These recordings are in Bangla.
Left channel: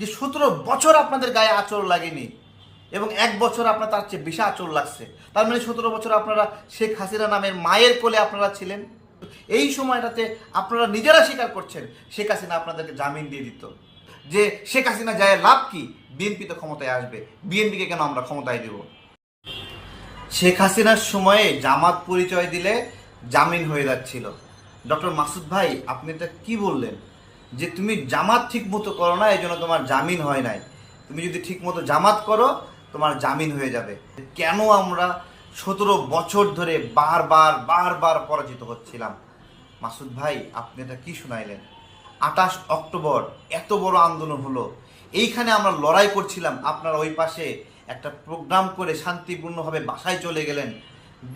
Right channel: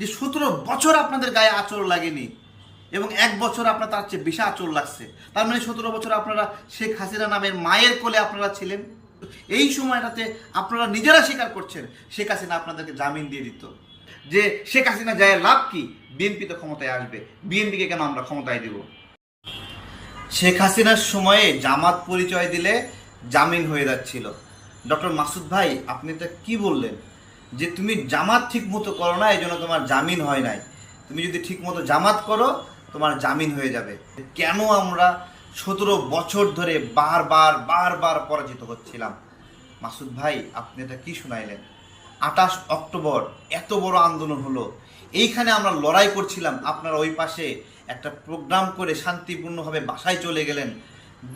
যে 17 বছর আপনাদের গায়ে আঁচড় লাগেনি এবং 1 বছর আপনার তার চেয়ে বেশি আঁচড় লাগছে। তার মানে 17 বছর আপনারা শেখ হাসিনা নামের মায়ের কোলে আপনারা ছিলেন। এই সময়টাতে আপনারা নিজেরা স্বীকার করছেন শেখ হাসিনা আপনাদেরকে জামিন দিয়ে দিত। যে শেখ হাসিনা যায় লাভ কি, বিএনপি তো ক্ষমতায় আসবে, বিএনপিকে কেন আমরা ক্ষমতায় দেব। শেখ হাসিনার সময়ে জামাত পরিচয় দিলে জামিন হয়ে যাচ্ছিল। ডক্টর মাসুদ ভাই, আপনি এটা কি বললেন যে তুমি জামাত ঠিক মতো করো না, এই জন্য তোমার জামিন হয় নাই, তুমি যদি ঠিক মতো জামাত করো তোমার জামিন হয়ে যাবে। কেন আমরা 17 বছর ধরে বারবার বারবার পরাজিত হচ্ছিলাম? মাসুদ ভাই, আপনি এটা কি শুনাইলেন? 28 অক্টোবর এত বড় আন্দোলন হলো, এইখানে আমরা লড়াই করছিলাম, আপনারা ওই পাশে একটা প্রোগ্রাম করে শান্তিপূর্ণভাবে বাসায় চলে গেলেন।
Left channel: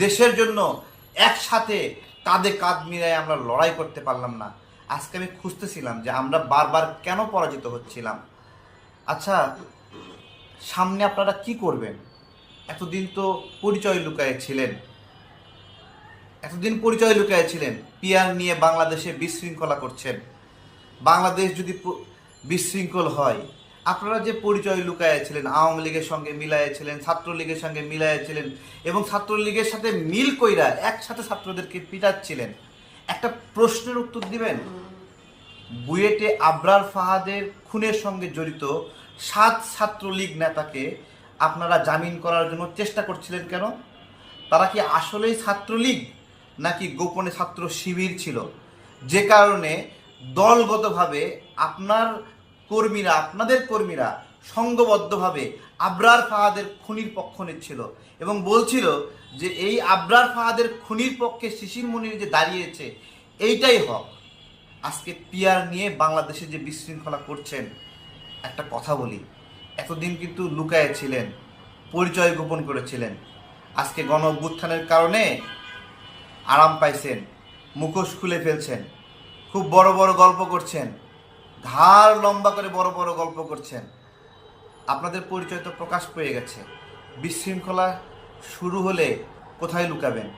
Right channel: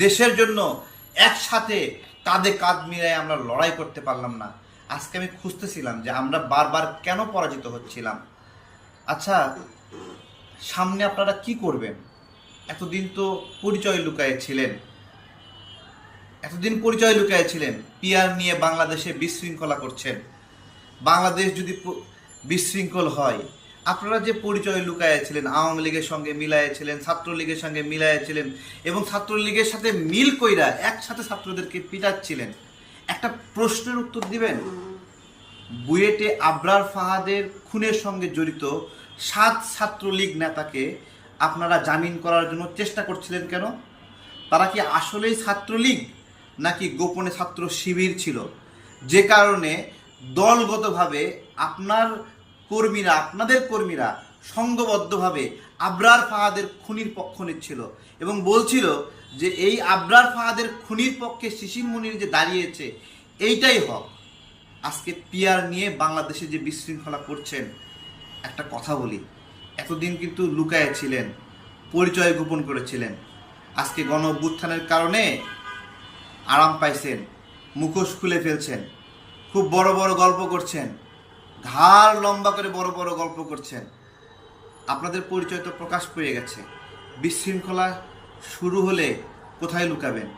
দেশের জন্য একসাথে কাঁধে কাঁধ মিলিয়ে আমরা লড়াই করতে পারলাম না। আজকে আমি খুঁজতেছিলাম যে আমরা বারবার কেন পরাজিত হচ্ছিলাম। আচ্ছা, সামনে আপনারা কি করবেন? এতদিন তো পরিচয় লুকায়ে ছিলেন, পিআর নিয়ে বাংলাদেশে বিশৃঙ্খলা করছেন। বাংলাদেশ যদি বিশৃঙ্খল হয়, আপনারা যে পরিচয় লুকাইয়াছিলেন, আওয়ামী লীগের সঙ্গে মিলাইয়াছিলেন, ছাত্রলীগের সঙ্গে মিলাইয়াছিলেন এবং ছাত্রলীগের সাথে মিল কইরা একসাথে ছাত্রদেরকে পিটাচ্ছিলেন, একটা প্রশ্নের উত্তর দিবেন? বুয়েটে আবরার ফাহাদের খুনের সঙ্গে জড়িত 7 ছাত্রলীগ নেতাকে আপনারা জামিন করার জন্য চেষ্টা করছিলেন কেন? তারা কি আসলেই ছাত্রলীগ নাকি গোপনে ছাত্র শিবির ছিল, যে কারণে দলগতভাবে আপনাদের কর্মীরা সংঘবদ্ধভাবে আবরার ফাহাদের খুনির পক্ষ নিচ্ছিল এবং বলছিল যে এই আবরার ফাহাদের খুনির পক্ষে শিশির মনির যে দাঁড়িয়েছে এইটাই হক। আজকে পিআর নিয়ে বাংলাদেশে যে বিশৃঙ্খলা করছেন, একটা কথা বলি, এতদিন কিন্তু লুকায়ে ছিলেন, পরিচয় গোপন করেছিলেন। আজকে গণ অভ্যুত্থানের কারণে আরাম পাইছেন, মুখোশ খুলে ফেলছেন, খুব বড় বড় গল্প করছেন, ঘাড় লম্বা করে বড় বড় গল্প করছেন। আপনাদের পরিচয় তো প্রকাশ পেয়ে গেছে। বিশৃঙ্খলা শুরু হলে কোথায় লুকাবেন?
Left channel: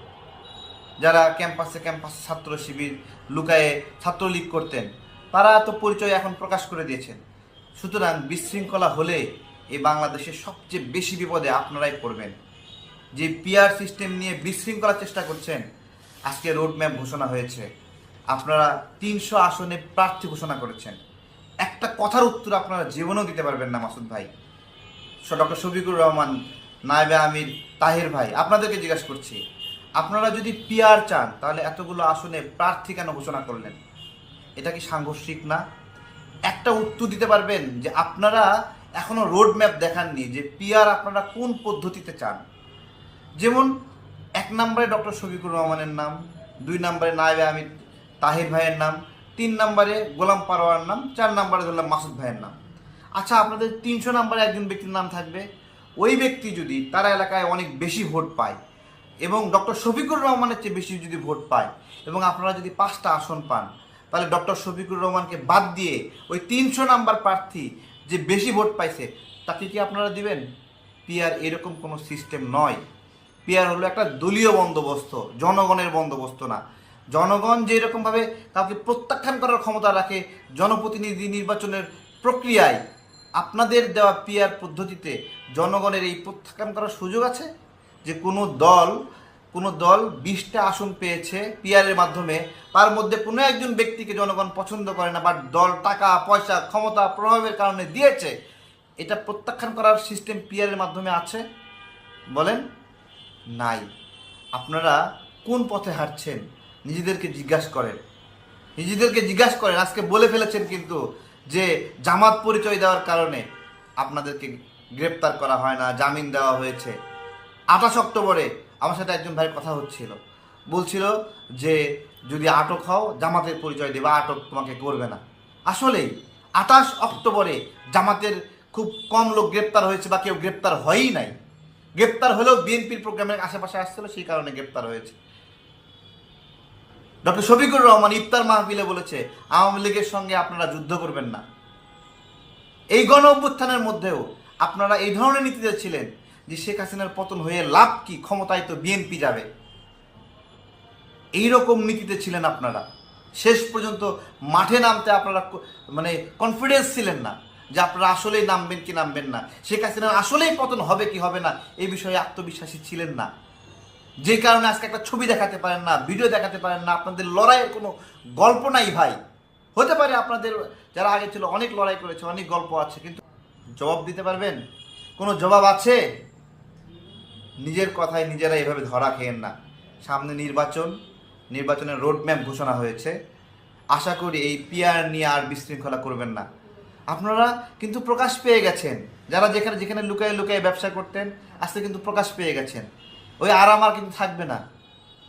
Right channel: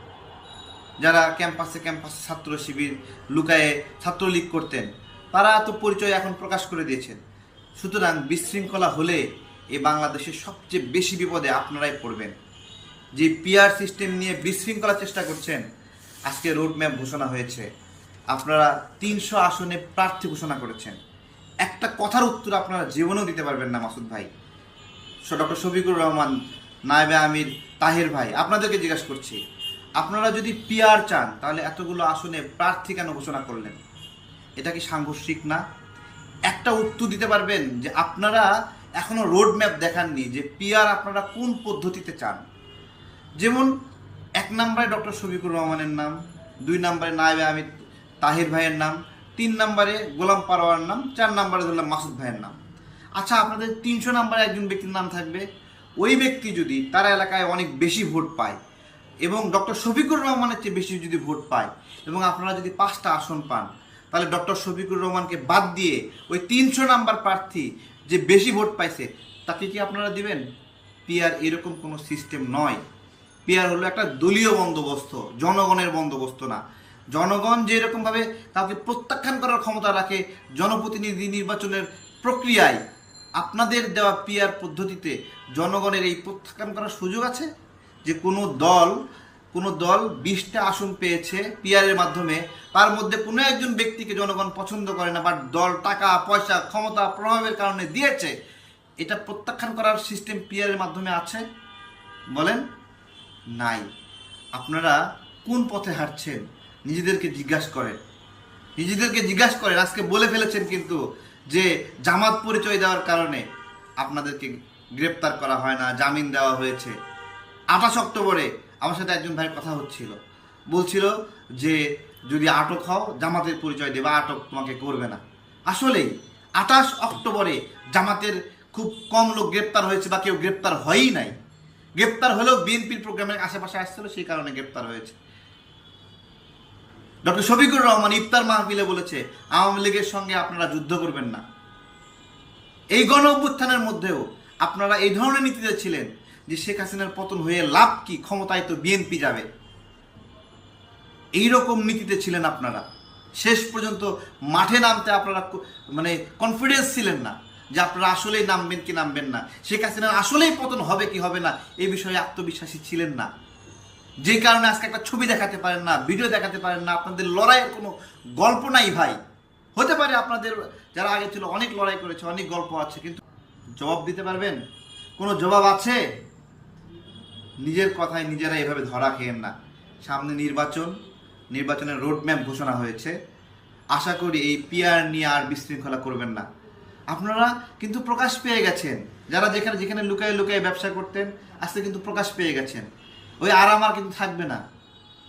যারা ক্যাম্পাসে ছাত্র শিবির লুকায়ে ছাত্রলীগ করতেন, তারা তো পরিচয় এখন প্রকাশ করে দিয়েছেন। সুতরাং বিশৃঙ্খলা হলে এই বাংলাদেশের সবচেয়ে বেশি বিপদে আপনারাই পড়বেন। যে পিআর সিস্টেম নিয়ে বিশৃঙ্খলা চেষ্টা করছেন, আজকে রোডম্যাপ ঘোষণা হয়েছে, আপনারা 300 আসনে প্রার্থী ঘোষণা করেছেন। একটা কথার উত্তর আপনারা জীবনেও দিতে পারবেন না মাসুদ ভাই। ডক্টর শফিকুর রহমান, নায়েবে আমির, তাহির ভাই, আপনাদেরকে জিজ্ঞাসা করছি, আপনারা যদি পিআর চান তাহলে এতগুলো আসনে প্রার্থী কেন ঘোষণা করলেন? এটা কি সাংঘর্ষিক না? একটা উত্তর দিতে পারবেন যে আপনারা এখনো রোড ম্যাপ দেখাননি যে পিআর আপনারা কোন পদ্ধতিতে চান। যেমন 1 নম্বরে ডক্টর শফিকুর রহমানের নাম, 2 নম্বরে নায়েবে আমির তাহির ভাইয়ের নাম, 3 নম্বরে গোলাম পারোয়ার নাম, 4 নম্বরে ধরলাম মাসুদ ভাইয়ের নাম। আচ্ছা, আপনাদের 300 নম্বরে একজন ব্যক্তির নাম থাকবে। ওই ব্যক্তি যদি তার এলাকায় অনেক বেশি ভোট পায় এবং ডক্টর শফিকুর রহমানের চেয়ে বেশি যদি ভোট পায় এবং আপনারা যদি 5টা আসন পান, তাহলে ডক্টর শফিকুর রহমানকে বাদ দিয়ে ওই 300 নাম্বার প্রার্থী যে বেশি ভোট পাইছে তাকে কি আপনারা দিবেন? পিআর এরকম কোনো সিস্টেম নয়। পিআর হলো একটা দলীয় বন্দোবস্ত, জনগণের বন্দোবস্ত না। জনগণ যেরকমভাবে তাকে প্রত্যাখ্যান করার ক্ষমতা রাখে জনপ্রতিনিধি নির্বাচনের প্রক্রিয়ায়, আপনাদের দেওয়া পিআর পদ্ধতিতে জনগণের এই প্রত্যাখ্যান করার সুযোগ আছে? যে কোনো দল 20টা আসন পেয়েছে পিআরের মাধ্যমে, তার মধ্যে কোনো একজন ব্যক্তিকে জনগণ পছন্দ করে না, বাট দল টাকা পয়সা ক্ষমতা প্রভাবের কারণে দিয়েছে, এটা প্রত্যাখ্যান করার সিস্টেম পিআরের মাধ্যমে আছে? বলেন, নাই। আপনারা কোন পথে হাঁটছেন নিজেদেরকে জিজ্ঞাসা করেন। আজকে বলে ফেলেছেন কিন্তু যে জামাত পরিচয় দেওয়ার কারণে আপনাদেরকে গ্রেপ্তার করা হয় না, জামিন দেওয়া হয়েছে। 28 অক্টোবরে আমার সাথে একজন ভাইয়ের কথা বলছিল যে যদি আটক হও জামাতের পরিচয় দেবা, আটক তোমাকে করবে না। আসলেই 28 অক্টোবরে জামাতের খুব কম লোক গ্রেপ্তার হয়েছে বা কেউ গ্রেপ্তার হয়ই নাই। গ্রেপ্তার হলেও বিএনপির প্রোগ্রামের আশেপাশে আসছিল, সেই কারণে গ্রেপ্তার হয়েছে। ডক্টর শফিকুর রহমান ইফতার মাহফিলে বলেছে আওয়ামী লীগের সঙ্গে আপনারা যুদ্ধ করবেন না। এই গণ অভ্যুত্থানের মধ্যেও আপনারা এই ধরনের নীতিতে ছিলেন যে শেখ হাসিনার পতন হয়ে লাভ কি, ক্ষমতায় তো বিএনপি যাবে, এইরকম নীতিতে ছিলেন আপনারা। শেষ পর্যন্ত মাঠে নামতে আপনারা কনফিডেন্স ছিলেন না। যে আপনারা আসলেই নামবেন কি নামবেন না, শেখ হাসিনা আসলেই পতন হবে কি হবে না, এই বিষয়ে আত্মবিশ্বাসী ছিলেন না। যেই কারণে আজকে একটা ছবি দেখাতে পারেন না, ভিডিও দেখাতে পারেন না, আপনাদের লড়াইয়ের কোনো গল্প নাই ভাই। হতে পারে আপনাদের যারা আগে ছিল অনেক লড়াই করেছে, অনেক গল্প আছে, কিন্তু জবাব দিতে পারবেন? কোনো জবাব আছে? নিজের কথায় নিজেরা এভাবে ধরা খেয়েন না। সামনে নির্বাচনের রোডম্যাপ ঘোষণা হয়েছে। আশা করি এই পিআর নিয়ে আর বিশৃঙ্খলা করবেন না। আপনারা কিন্তু প্রকাশ পেয়ে গেছেন, যারা যেখানে যেখানে লুকায়ে লুকায়ে ব্যবসা করতেন আজকে কিন্তু প্রকাশ পেয়ে গেছেন। ওই আরাম আর কিন্তু থাকবে না।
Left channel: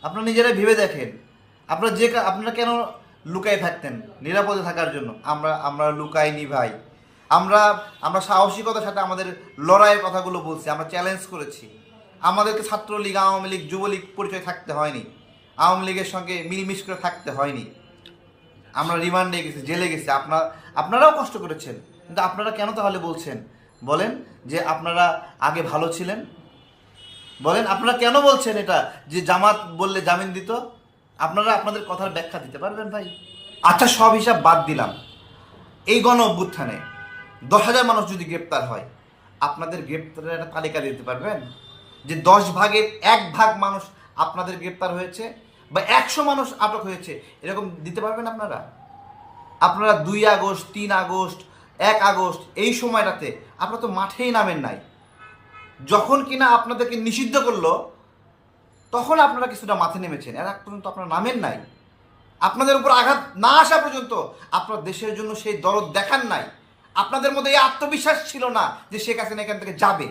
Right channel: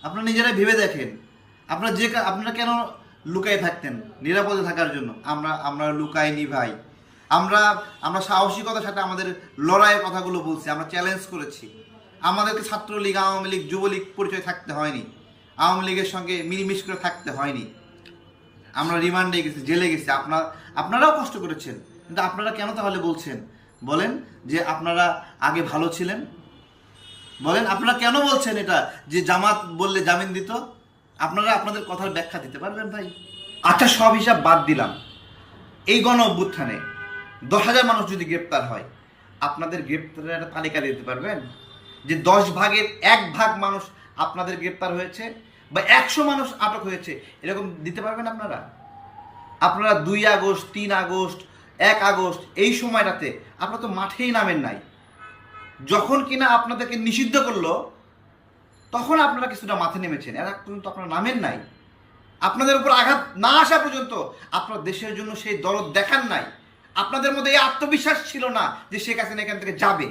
আপনারা নিজেরাই ভেবে দেখেন, আপনারা কেন লুকায়ে থাকতেন? নিরাপদে থাকার জন্য। আমরা লুকাইনি ভাই। আমরা সাহসিকতার সাথে আমাদের লড়াইয়ের কথাগুলো বলছি, আমরা চ্যালেঞ্জ করেছি। আমাদেরকে ছাত্রলীগ, আওয়ামী লীগ, যুবলীগ পরিচয় থাকতে হয়নি, আওয়ামী লীগের সঙ্গে মিলমিশ করে থাকতে হয়নি। আমরা রিমান্ডে গেছি, জেলে গেছি, আপনারাও কষ্ট করেছেন। কিন্তু আপনারা কেন তাহলে বলছেন? বলেন যে আপনারা আগে ভালো ছিলেন। বলেন আপনারা কেন বলছেন এটা যে জামাত বললে জামিন দিত? আপনারা আপনাদের কথার ব্যাখ্যা দিতে পারবেন ভাই? আচ্ছা, সব হিসাব বাদ দিলাম। এই গণ অভ্যুত্থানে 10,000 মানুষ যদি গ্রেপ্তার হয়, আপনাদের গ্রেপ্তারের একটা তালিকা দিতে পারবেন যে 10 ভাগের 1 ভাগ মানুষ আপনাদের গ্রেপ্তার হয়েছে বা 100 মানুষ আটক হয়েছে, এরকম দিতে পারবেন আপনারা? আপনারা 2 আগস্ট, 3 আগস্ট, 1 আগস্ট এই সময়টাতে আপনারা তো মাঠেই নামেন নাই। যখন কিনা আপনাদেরকে নিষিদ্ধ করলো তখন আপনারা কিছুটা মাঠে নেমেছেন, এর আগ পর্যন্ত আপনারা নামেন নাই। আপনাদের উপর আঘাত না আসা পর্যন্ত আপনারা দেশের জন্য সেই দরদ দেখান নাই। আপনাদের মধ্যে এই আত্মবিশ্বাস ছিল না যে শেখ হাসিনা এখান থেকে যাবে।